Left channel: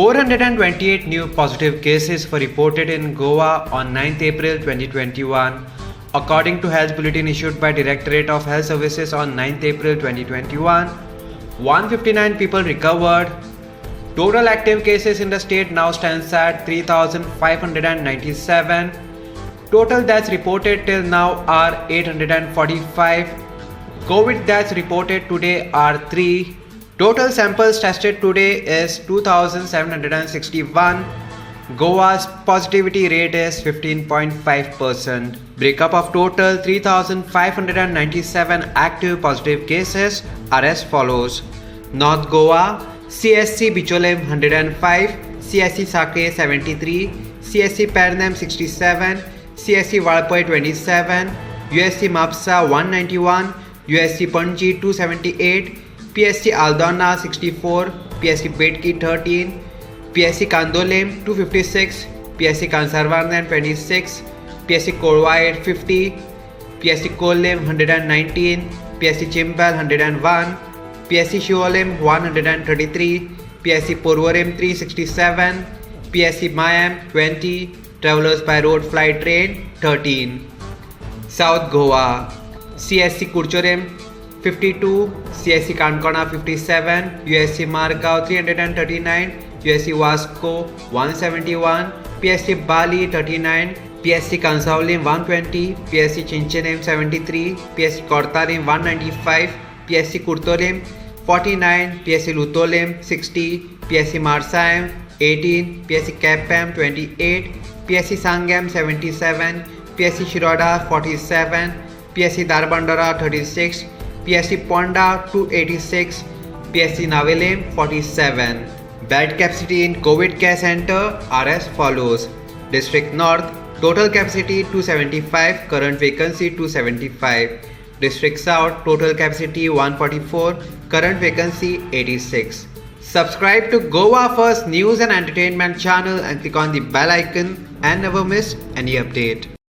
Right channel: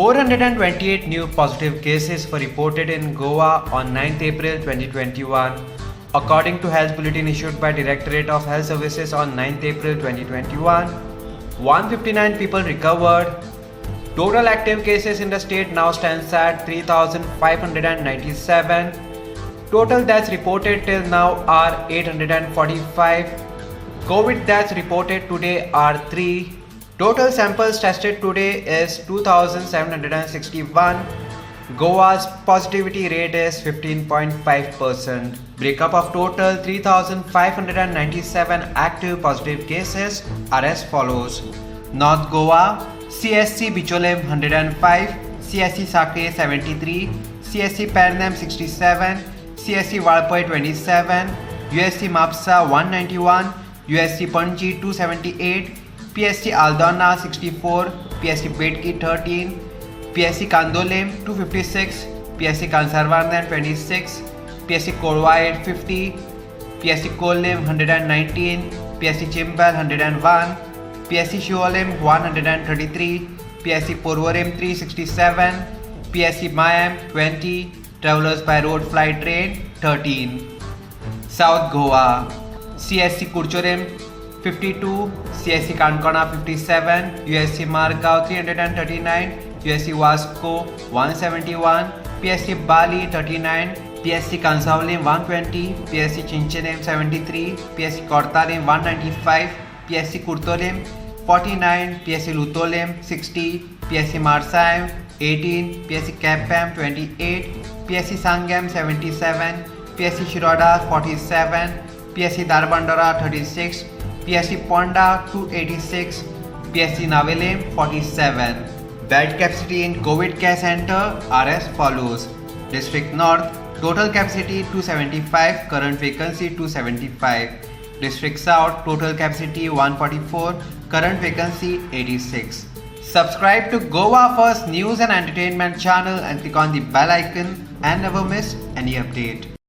428 new positive cases were reported in Goa on 9th April 2021, according to Health Bulletin issued by Directorate of Health Services on 9th April 2021. 159 people recovered. Total active cases in the state now stands at 3,597. Total deaths reported till now are 845. COVID deaths reported today are 3. Total samples tested today is 2,761. Goa's positivity rate is 15.5%. Breakup of total 3,597 active positive cases are as follows. North Goa, CSC Bicholem 105, CSC Sake 73, CSC Pernam 67, CSC Valpoi 27, USC Mapsa 191, USC Panji 278, PSC Aldona 64, PSC Betki 13, PSC Kandolem 256, PSC Kansarvarnan 26, PSC Korwai 50, PSC Kolem 119, PSC Chimbal 101, PSC Shuolem 133, PSC Porvorim 367, PSC Mayam 20, Travelers by Road Flight Train 13. South Goa, CSC Kurchorem 52, CSC Kankana 57, USC Margao 339, USC Vasco 171, PSC Bali 39, PSC Kansaulim 120, PSC Chinchenem 73, PSC Kortalim 195, PSC Kurtolim 49, PSC Lutolem 60, PSC Marsayam 18, PSC Kapam 28, PSC Sangam 77, PSC Shiroda 47, PSC Darbandara 36, PSC Ponda 286, PSC Navelem 47. Bed capacity in COVID Care Center are as follows. District North, total capacity 275, current vacancy 275. District South, total capacity 144, current vacancy 86. Subscribe to Goa First News and Entertainment channel and click on the bell icon and never miss any update.